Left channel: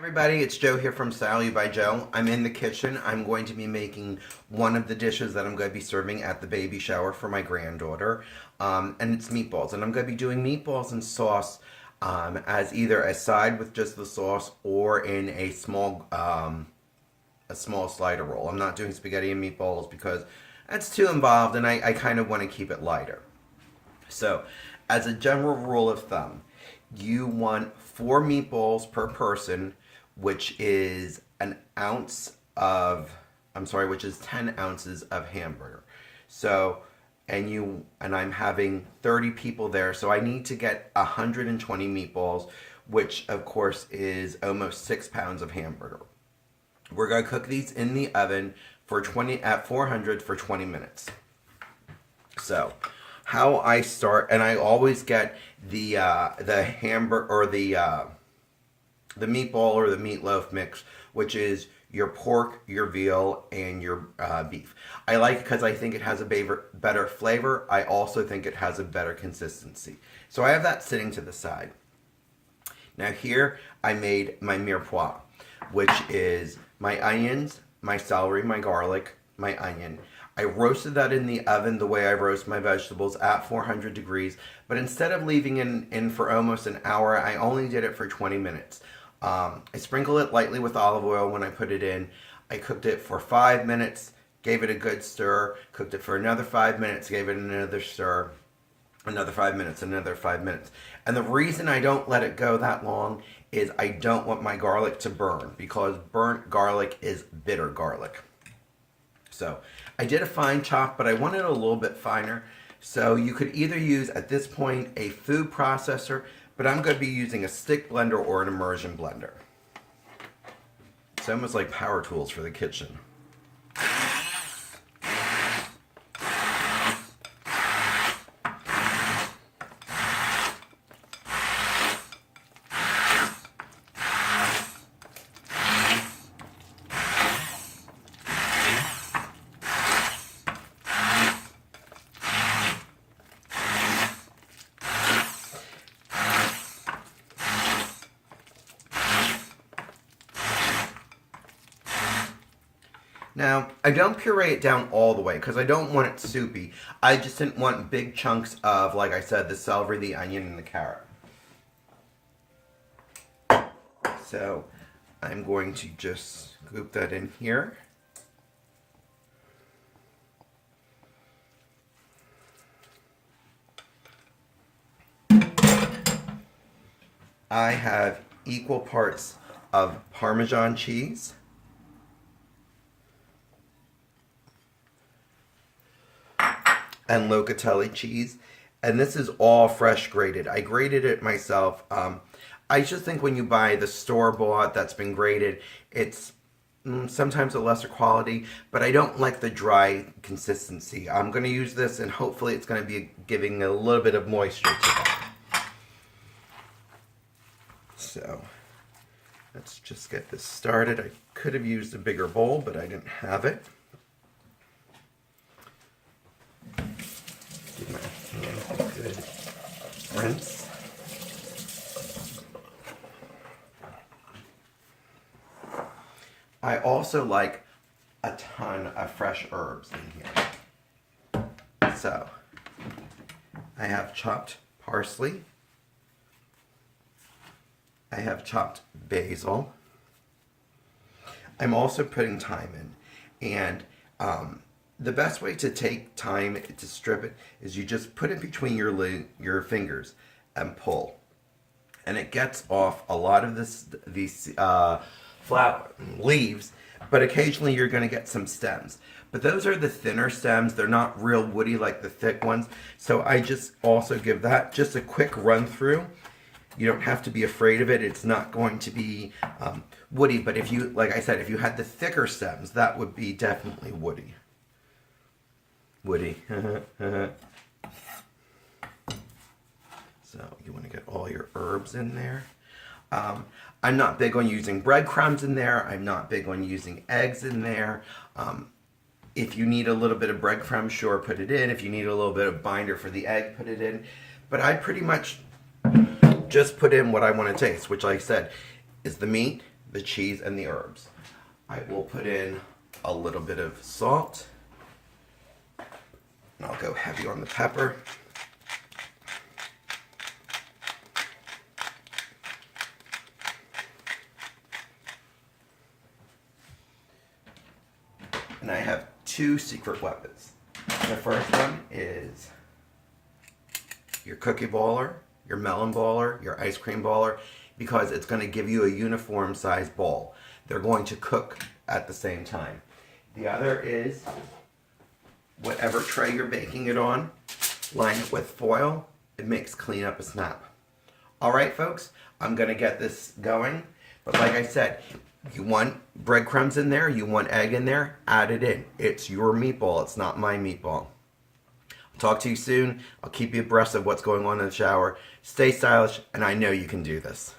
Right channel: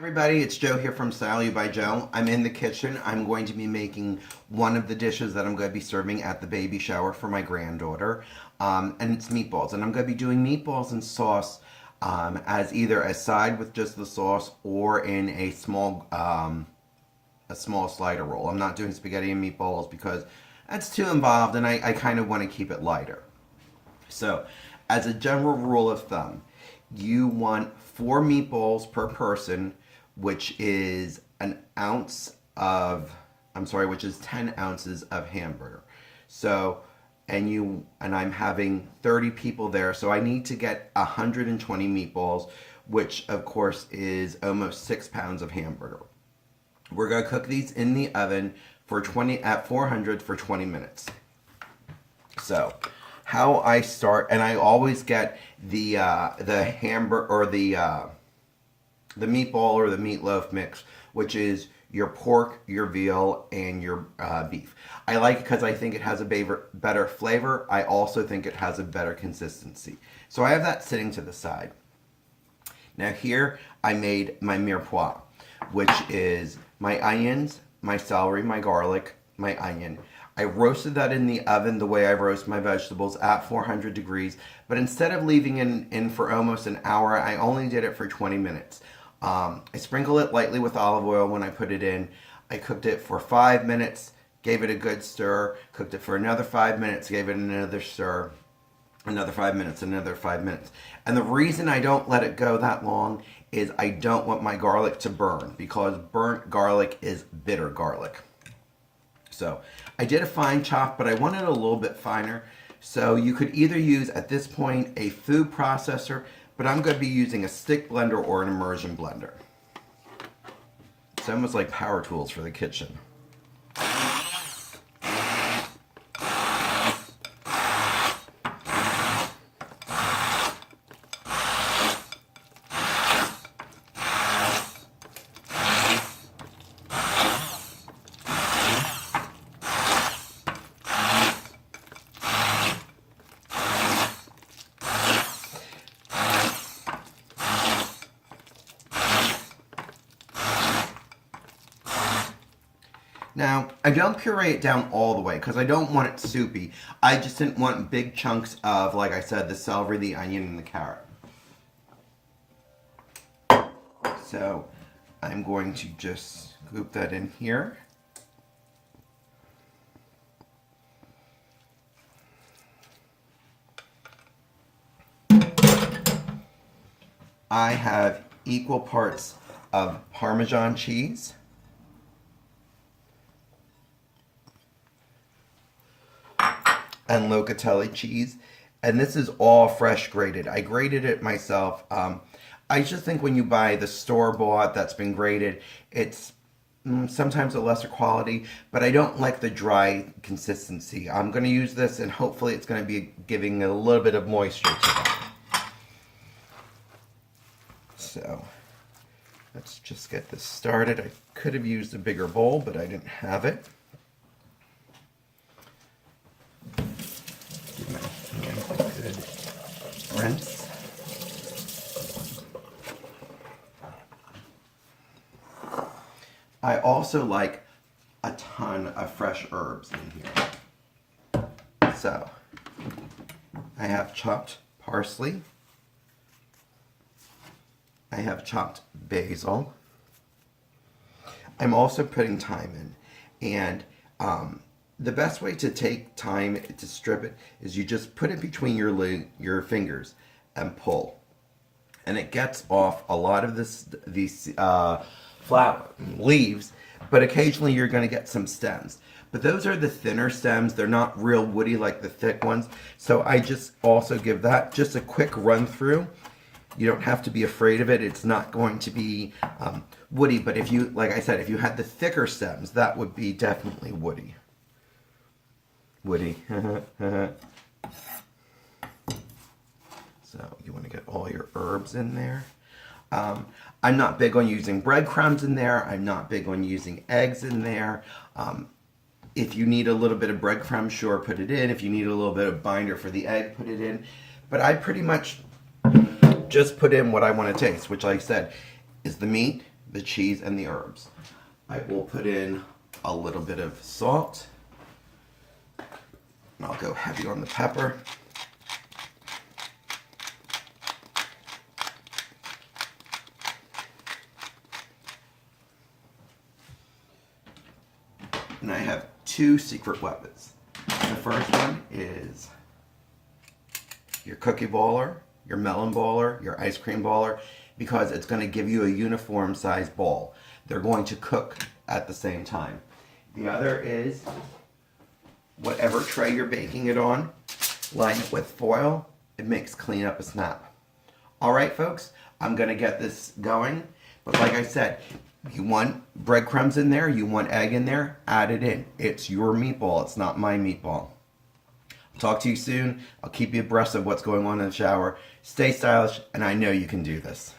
Everybody, it's Joe here from Style You by Joe. I'm in the kitchen. I'm going to be making one of the dishes that I'm going to be serving at the baby shower for my granddaughter, and it's meatballs. And I'm going to be doing meatballs and sauce as either a side with just the sauce or in a small slider roll. I'm not doing spaghetti and meatballs because that's too involved, and I kind of want to keep it lighter. So, as a general rule of thumb, you want 4 meatballs per person, which is which is 10 ounces of hamburger. So, and I'm having 30 people there, so I need to get 120 meatballs, which of course is almost 6 pounds of hamburger. We're going to cook these in the oven at 400 for 20 minutes. So, how I start, and I always get the hamburger or the meatball or the meatloaf mix, which is your pork, your veal, and your beef. I like it because I think it has a better flavor. I also think it has a better consistency. So I have that sitting to the side. Now here I made my mirepoix, which is my onions, my celery, my garlic, my onion. I roasted that in the oven the way I roast my vegetables at 400 degrees, but instead of leaving it in for almost an hour, I only did it for 20 minutes. I sprinkled it lightly with olive oil when I put it in. I cooked it for 5 minutes, gave it a good stir, cooked it for another 5 minutes, gave it another stir, another 5 minutes, another 5 minutes. And the reason I don't let it go that long is I don't want my garlic to burn, because burnt garlic is bitter garlic. So I did a fine chop, but I wanted it a little bit finer. So you could either use, at this point, a food processor, but I'm going to be using a stick blender or an immersion blender. It's almost like power tools for the kitchen. Now, I don't puree it down all the way because I don't want it soupy. I just didn't want big chunks of, like I said, the celery, the onion, and the carrot. So, I'm going to just scoop that in here. I have equal parts of Parmesan cheese, and locatelli cheese, and this is all fresh grated. I grated it myself. I just think when you buy the store-bought that's been grated, it's sometimes a lesser quality, but I don't like the dry consistency. I'm going to use this, and hopefully it's going to be giving a little bit of moisture to that. So let's just get this started. I could have used a bigger bowl, but I didn't have it. Give my hands a good rinse. I also like a ton of fresh herbs in here. So, I have chopped parsley. I have chopped basil. I'm also putting thyme in. And the best way to take thyme to strip it is you just put it between your fingers and pull. And it gets off a lot of these flower leaves, but occasionally you're going to get some stems. But those are the thinner stems. They're not real woody like the thick ones. So I just also give that just a quick run through. You don't have to be afraid of it. It's not going to be woody, but if you, like I said, if you had the thicker stems, that would be definitely woody. Woody. So you want to get all your herbs in there. I'm not big on using breadcrumbs in there. I'm not big on using eggs in there. If you need a little bit of breadcrumbs, sure, put it in. If you need a little bit of binder for the egg, put it in. But I pretty much just put in what I want to taste, which I said is the meat, the cheese and the herbs. I will put in a little bit of salt. And I'll go heavy on the pepper. And I have two secret weapons. The first one is your cookie baller, your melon baller, your ice cream baller, because it's going to give you a uniform size ball. They're going to cook at the same time. The other is whatever tray you're baking it on, line it with foil. It makes cleanup a snap. All right, folks, I'm going to get this going. But like I said, you want breadcrumbs in there, you want egg in there, add it in. It's your meatball, it's not my meatball. I'll talk to you soon. I'll keep you abreast of what's going on in the shower. Stay stylish, and I know you can do this.